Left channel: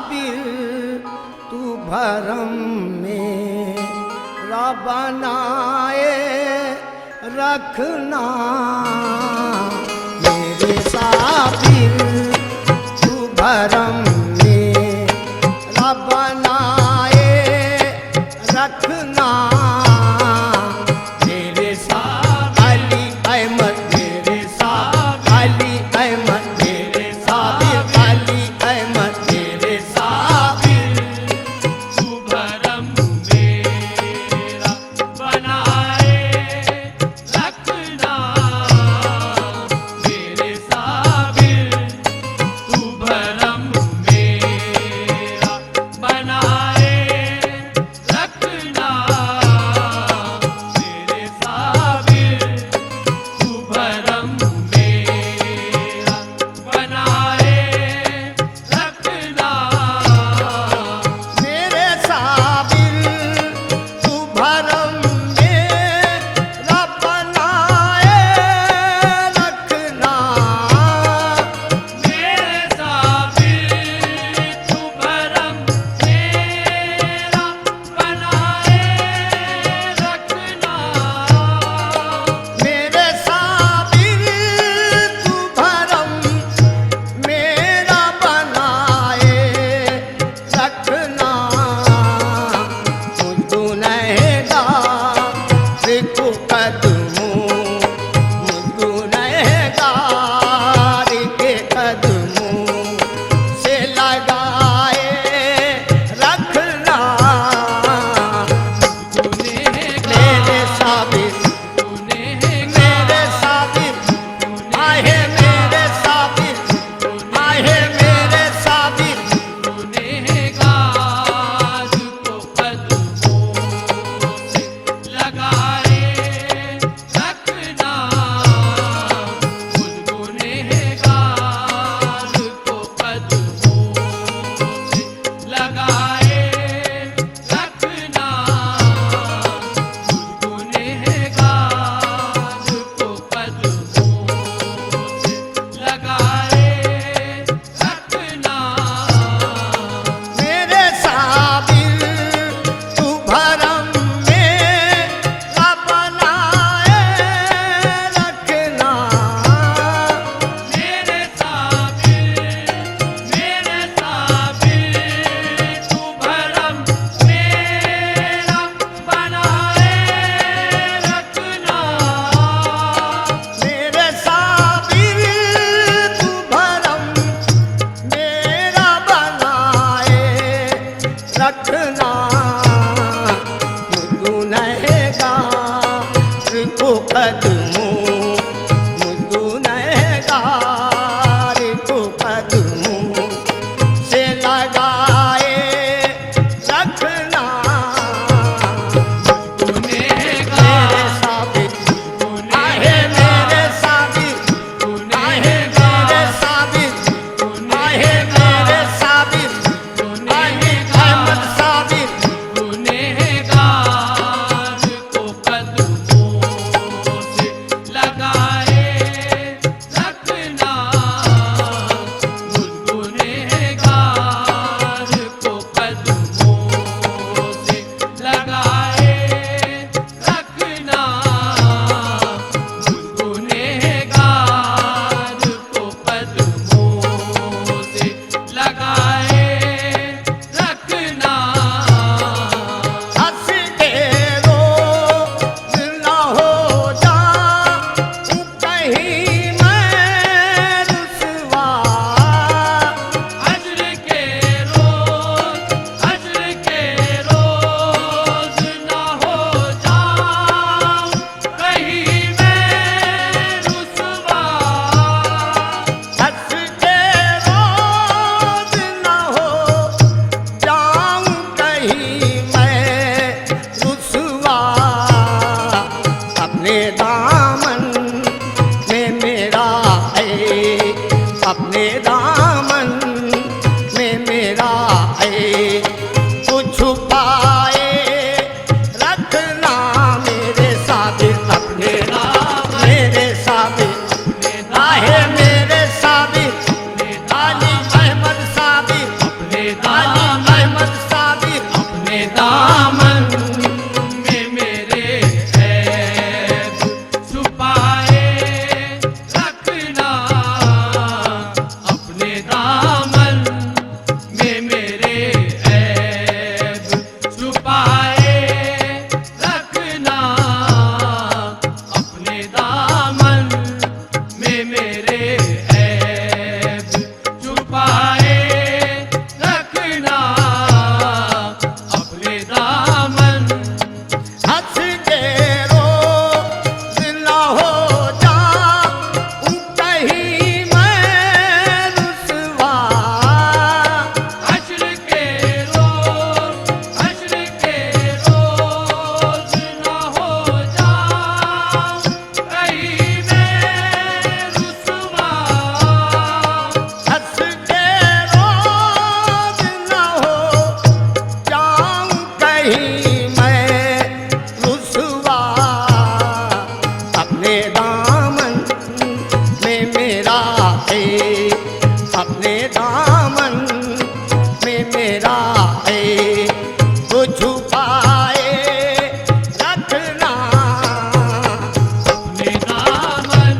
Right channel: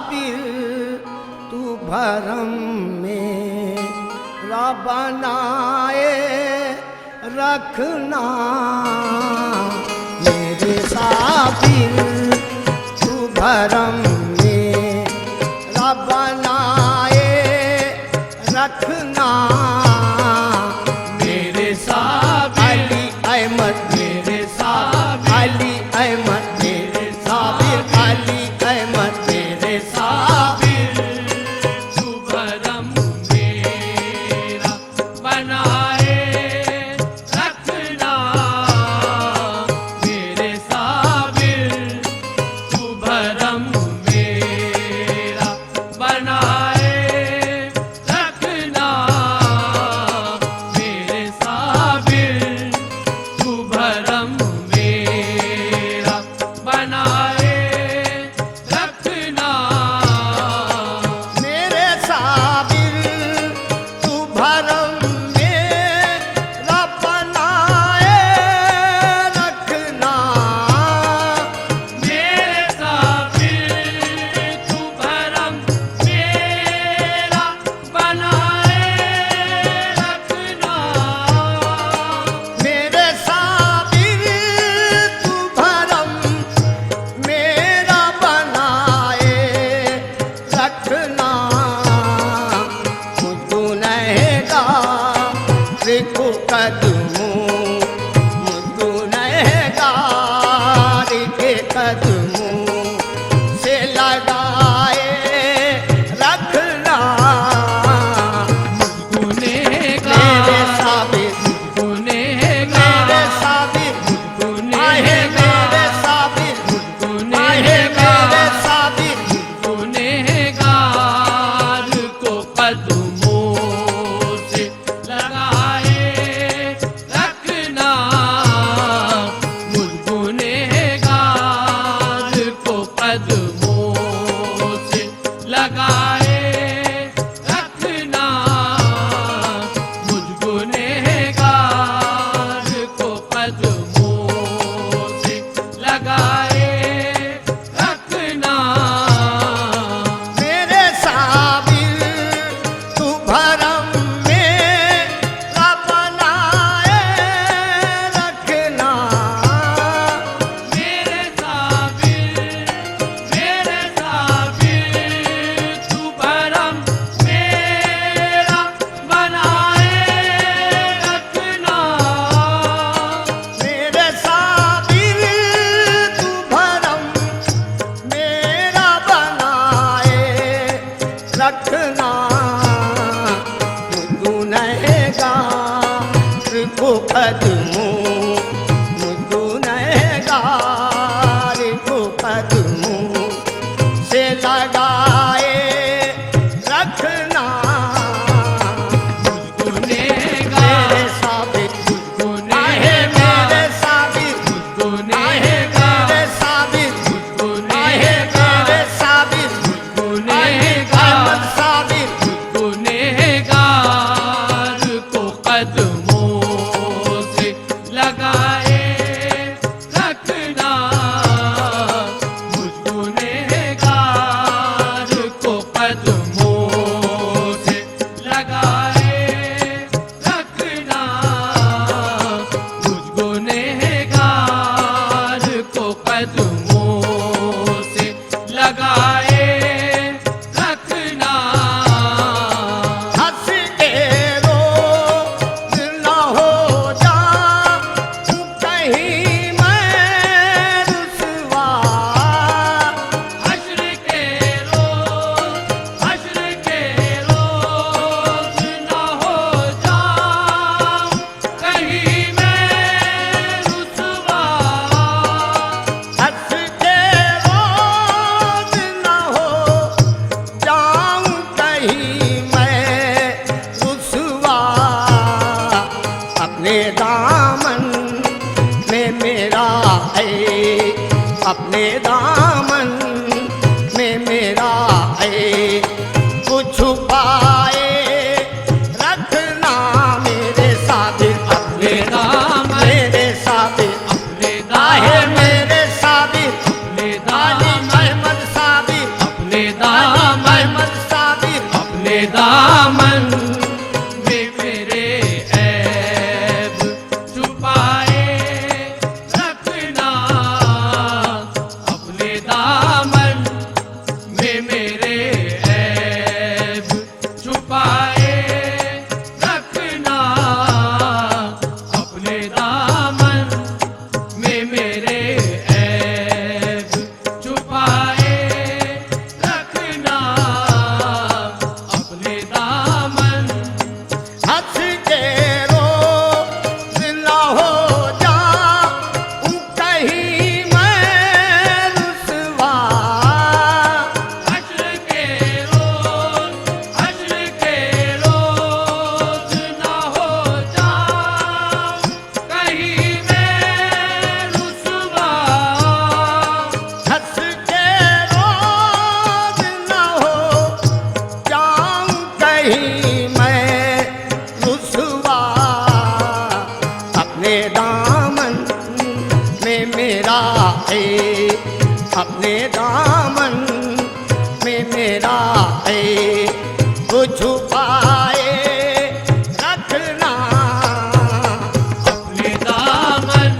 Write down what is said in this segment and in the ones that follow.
साबिर तू भरम में बनाए रखना, मेरे साबिर तू भरम में बनाए रखना, मेरे साबिर अली अहमद, मेरे साबिर अली अहमद, मेरे साबिर अली अहमद, मेरे साबिर तू भरम मेरा बनाए रखना, मेरे साबिर तू भरम मेरा बनाए रखना, मेरे साबिर तू भरम मेरा बनाए रखना, मेरे साबिर तू भरम मेरा बनाए रखना, मेरे साबिर तू भरम मेरा बनाए रखना, मेरे साबिर तू भरम मेरा बनाए रखना, मुझको नहेगा देखो कदमों, मुझको नहेगा के कदमों से लगाए रखना, मेरे साबिर मेरे साबिर आहे, मेरे साबिर आहे, मेरे साबिर गुनहगार को कदमों से लगाए रखना, गुनहगार को कदमों से लगाए रखना, गुनहगार को कदमों से लगाए रखना, मेरे साबिर तू भरम मेरा बनाए रखना, मेरे साबिर तू भरम मेरा बनाए रखना, मेरे साबिर तू भरम मेरा बनाए रखना, मुझको नहेगा को कदमों, मुझको नहेगा को कदमों से लगाए रखना, मेरे साबिर आहे, मेरे साबिर आहे, मेरे साबिर आहे, मेरे साबिर अली अहमद साबिर गुनहगार को कदमों से लगाए रखना, गुनहगार को कदमों से लगाए रखना, गुनहगार को कदमों से लगाए रखना, हंस के रोज न हो जाऊं कहीं मैं रुसवा, हश्र के रोज न हो जाऊं कहीं मैं रुसवा, हंस के रोज न हो जाऊं कहीं मैं रुसवा, अपने दामन में मेरा है, अपने दामन में मेरा है, कुछ छुपाए रखना, मेरे साबिर अपने दाम, मेरे साबिर आहे, मेरे साबिर अली अहमद साबिर मेरा है अपने दामन में मेरा है वो छुपाए रखना अपने दामन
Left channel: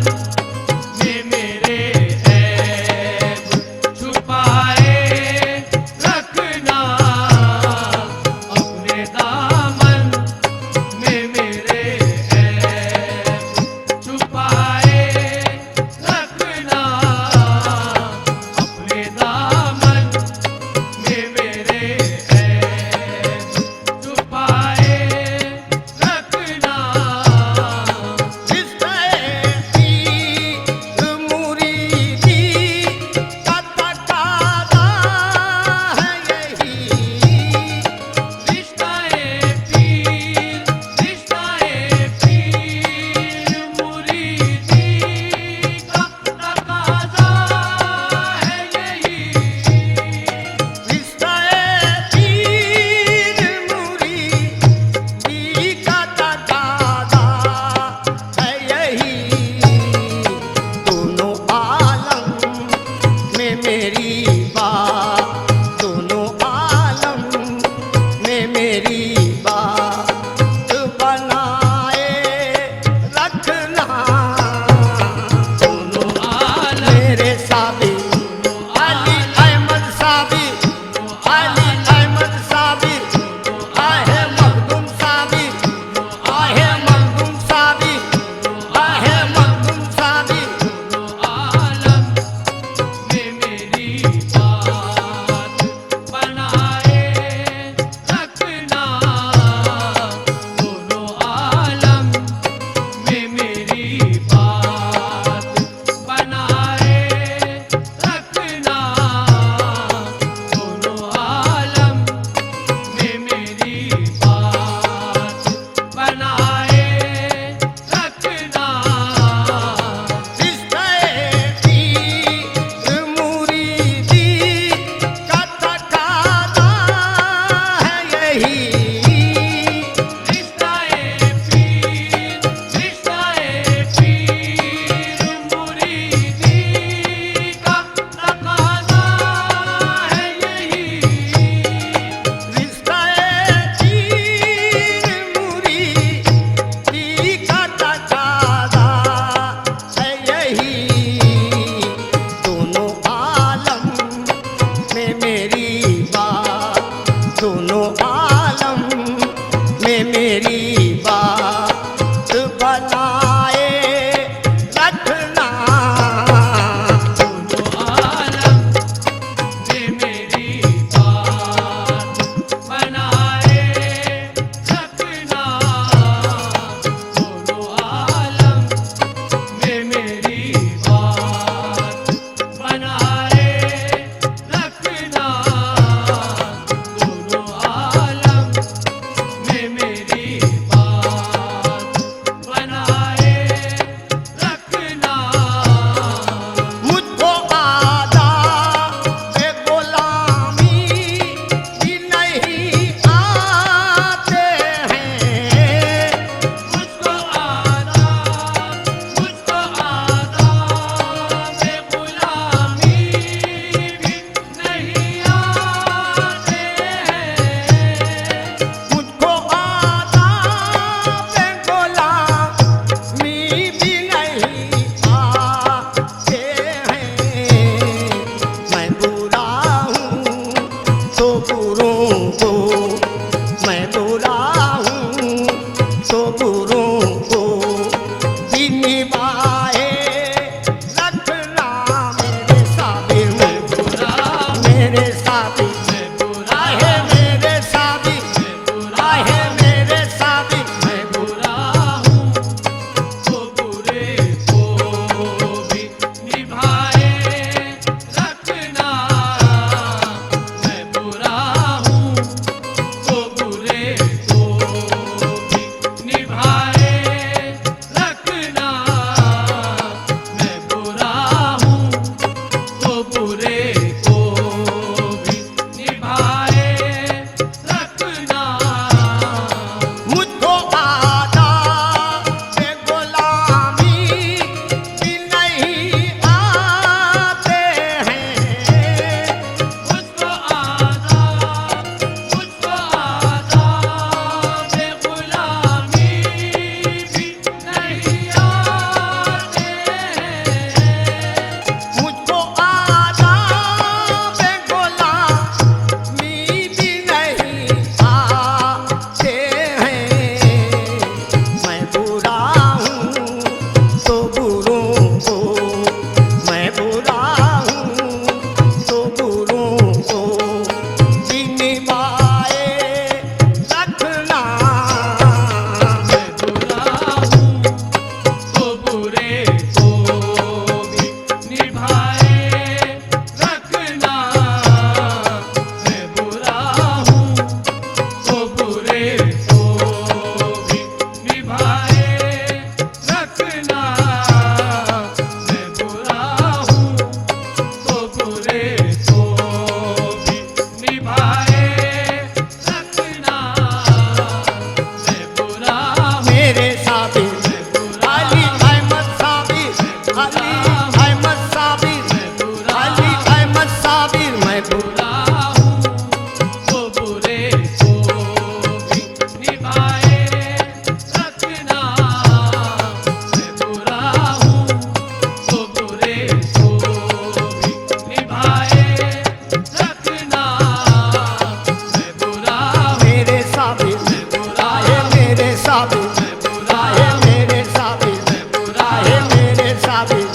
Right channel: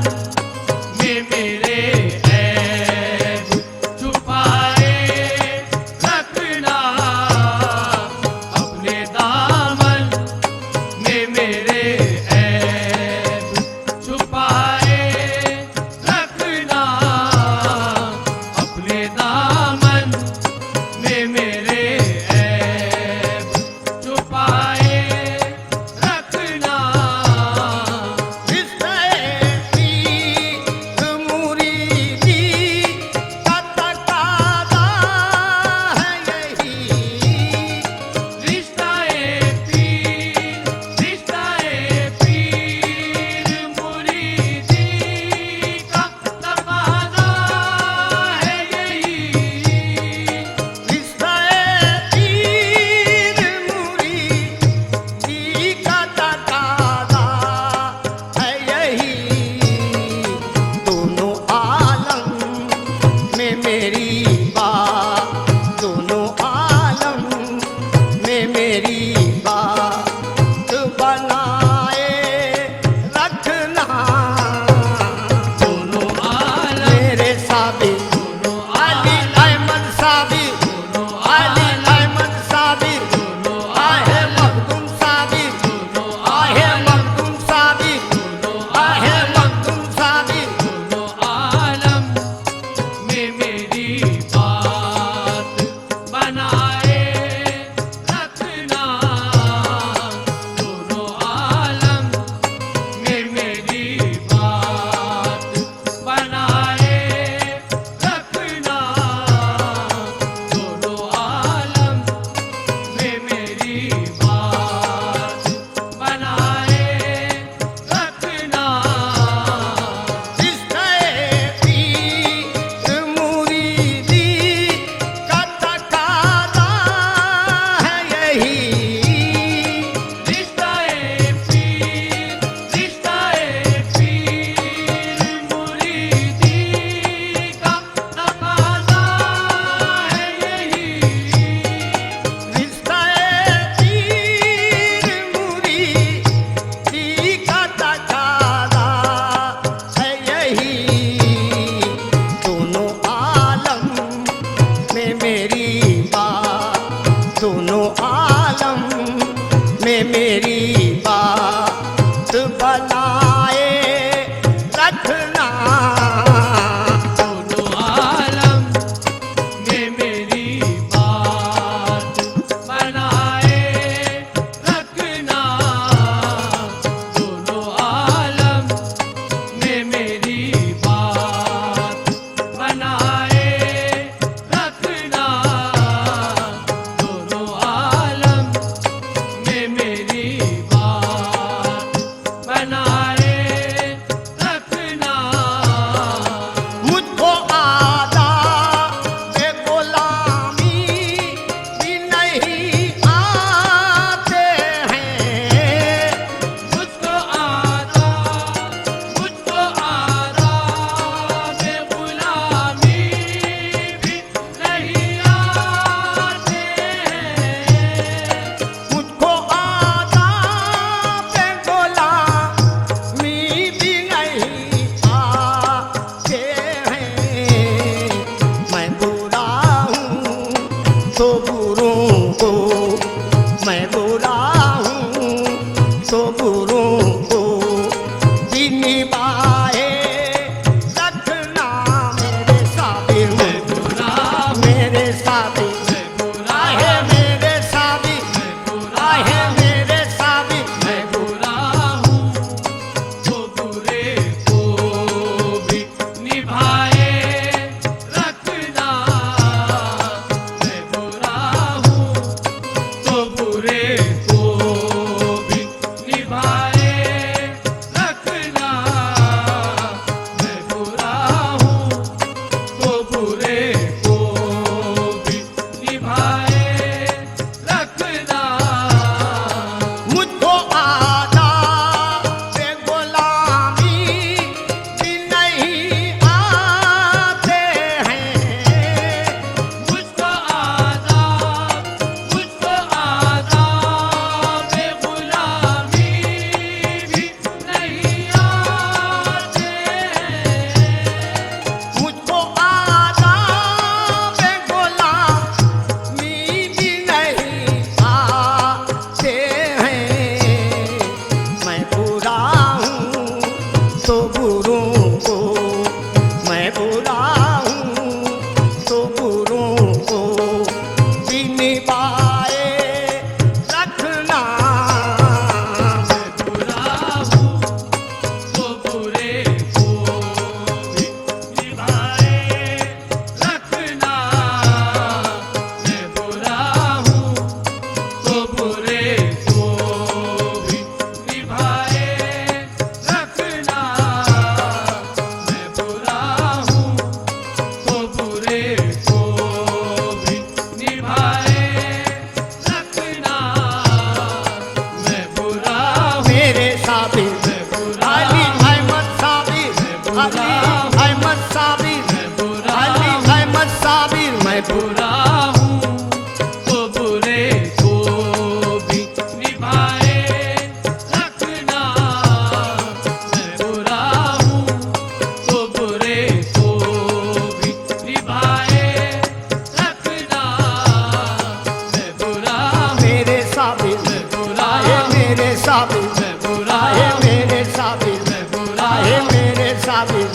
में मेरे है छुपाए रखना अपने दामन में मेरे है छुपाए रखना अपने दामन में मेरे है छुपाए रखना रिश्ते पीर मुरीदी का तकादा है यही रिश्ताए पीर मुरीदी का तकाज़ा है यही रिश्ते पीर मुरीदी का तकादा है यही दोनों आलम में मेरी बात दोनों आलम में मेरी बात बनाए रखना दोनों मेरे साबिर अली अहमद साबिर अली अहमद साबिर आहे मखदूम साबिर आहे मखदूम साबिर आहे मखदूम साबिर आलम में मेरी बात बनाए रखना दोनों आलम में मेरी बात बनाए रखना दोनों आलम में मेरी बात बनाए रखना रिश्ते पीर मुरीदी का तकादा है यही रिश्ताए पीर मुरीदी का तकाज़ा है यही रिश्ते पीर मुरीदी का तकादा है यही दोनों आलम में मेरी बात दोनों आलम में मेरी बात बनाए रखना आलम में मेरी बात बनाए रखना दोनों आलम में मेरी बात बनाए रखना दोनों आलम में मेरी बात बनाए रखना मुझको आदा बे गुलामी भी नहीं आते हैं मुझको आदा में गुलामी भी नहीं आते हैं मुझको आदा बे गुलामी भी नहीं आते हैं मैं बुरा हूँ तो बुरों को मैं बुरा हूँ तो बुरों को भी निभाए रखना मेरे साबिर मेरे साबिर आहे मेरे साबिर आहे मेरे साबिर मैं बुरा हूँ तो बुरे को भी निभाए रखना मैं बुरा हूँ बुरों को मैं बुरा हूँ तो बुरों को भी निभाए रखना। बुरा हूँ तो बुरे को भी निभाए रखना। मैं बुरा हूँ तो बुरे को भी निभाए रखना। मैं बुरा हूँ तो बुरे को भी निभाए रखना। मैं बुरा हूँ मेरे साबिर अली अहमद साबिर, अली अहमद साबिर, अली अहमद साबिर मैं बुरा बुरा हूँ तो बुरे को भी निभाए रखना। मैं बुरा हूँ तो बुरे को भी निभाए रखना। मैं बुरा हूँ मेरे साबिर आए मेरे साबिर, आए मेरे साबिर, आए मेरे साबिर।